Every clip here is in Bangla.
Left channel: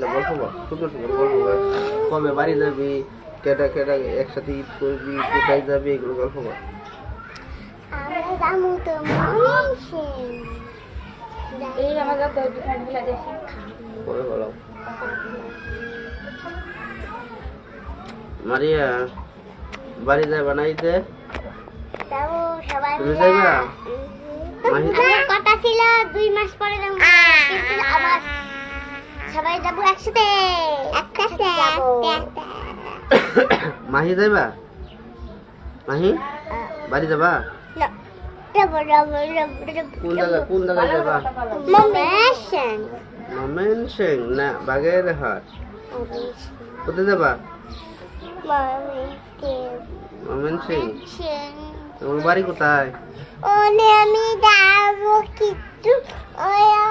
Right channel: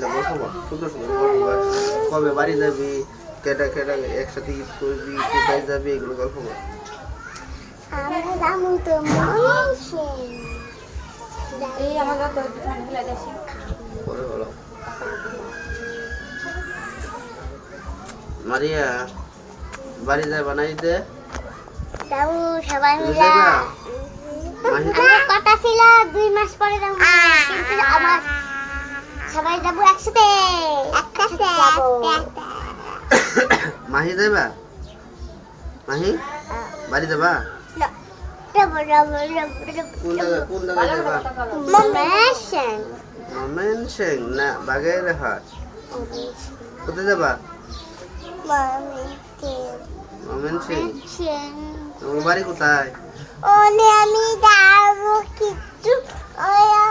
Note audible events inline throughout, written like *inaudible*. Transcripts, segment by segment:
মিলে গল্প বল সুন্দর সুন্দর গল্প বল কবে বাড়ি যাবি কেটা কেটা একসাথে ঈদ করবি কোথায় যাবি এগুলো গল্প বল আমরা যাব তো এই আমাকে কয়েকটি পানি ফেলে দিয়েছি। বলো। মারিয়া বাড়ি না ঈদে? যাব সবাই মিলে। কথা ছিল দুই মাস পরে যাব। কিন্তু আমার সবাই যাব একসাথে। একসাথে যাব। *coughs* মাহি যাইবা? মাহি? বাড়ি যাবা? কোন জায়গা কোন জায়গায় যাবা? মমেশন মোমেন সিং না বাগের হাট। কোথায় যাবা? তোমার বাড়ি কোথায়? ওলে আমি যাব কিন্তু ওয়া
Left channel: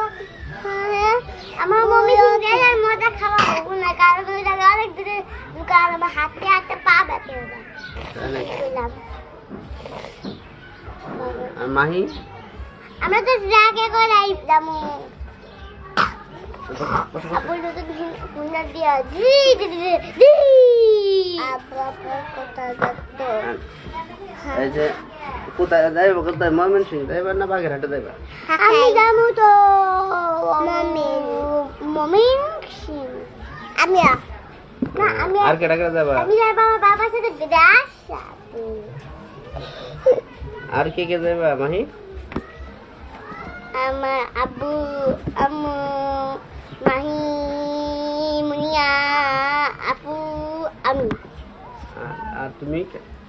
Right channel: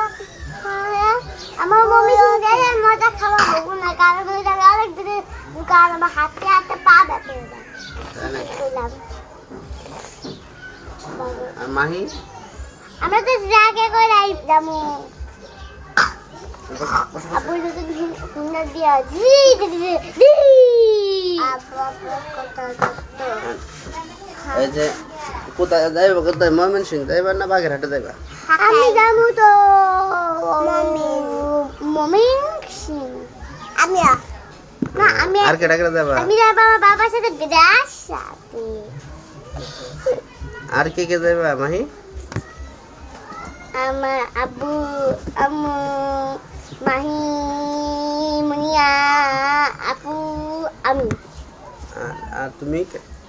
আমার মম্মি সুন্দর মজা খাওয়া হব না কারণ ওই জায়গায় অনেক দূরে দোকান আমার হাতে হাতে পা ব্যথা হয়ে? বললাম আর মাহি? আমরা তো জাগে করে আই যাব আপু যদি হুন্ডা দিয়া জি জি জি জি আপু আপু কথা এই যে কোথায় যাইবা কোথায় মোমেন সিং যাইবা না বাগের হাটে যাইবা আমি যাবো তো মমিন সিং আমি না আমি আর কেটা কেটা যাবা আমি যাবো আমার বাবার সাথে বিদেশ যাবো আর কে কে যাইবা মাহি আমার আব্বু আম্মু মাহি মুনিয়া আপু আমি আর- আর তুমি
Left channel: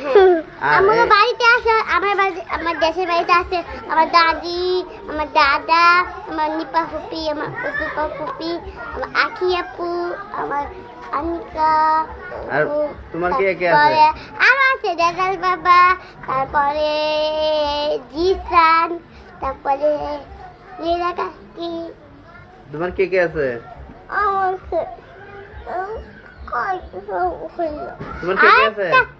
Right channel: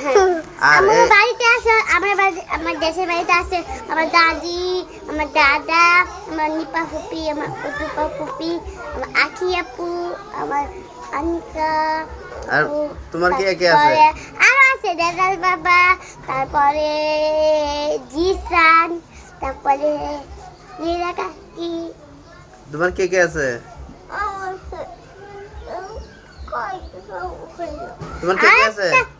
আর আমার এই- বাড়িতে আছে আমার বাড়ি আমার দেশের বাড়িতে আছে আমার দাদি আমার দাদা আমার নিপা ফুপি আমার উদুপা ফুপি আমার আখি আপু আমার আনিকা আর আপু, তোমার কে কে আছে? তারপরে আরো আছে দাদাল বাবা তারপরে জিসান তারপরে লীলা কাকি তোমার কে কে আছে তোমার কে কে আছে আরেকটা খালি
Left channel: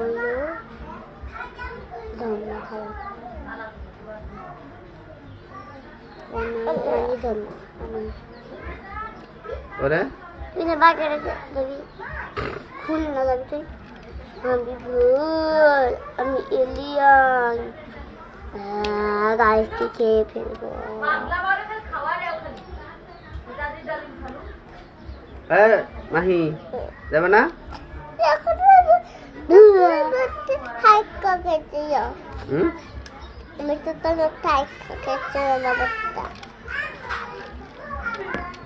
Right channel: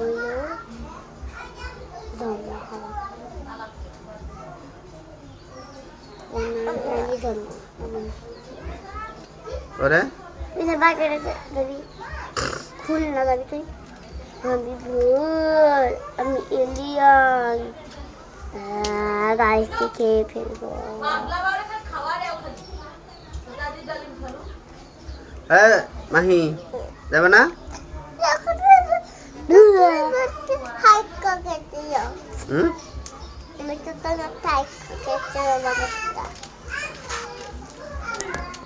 হলো ধন্য নানি ধন্য ওরে? তুই না বাগেরাতে যাবি? খুল না যাবি তুই। আমি ভুল আমি এলিয়ান গাড়িতে খেয়ে ফেলব? হ্যাঁ মাহি যাবে না? 할 거겠지요. 응? 이것도 할 거겠지요. 먹었다.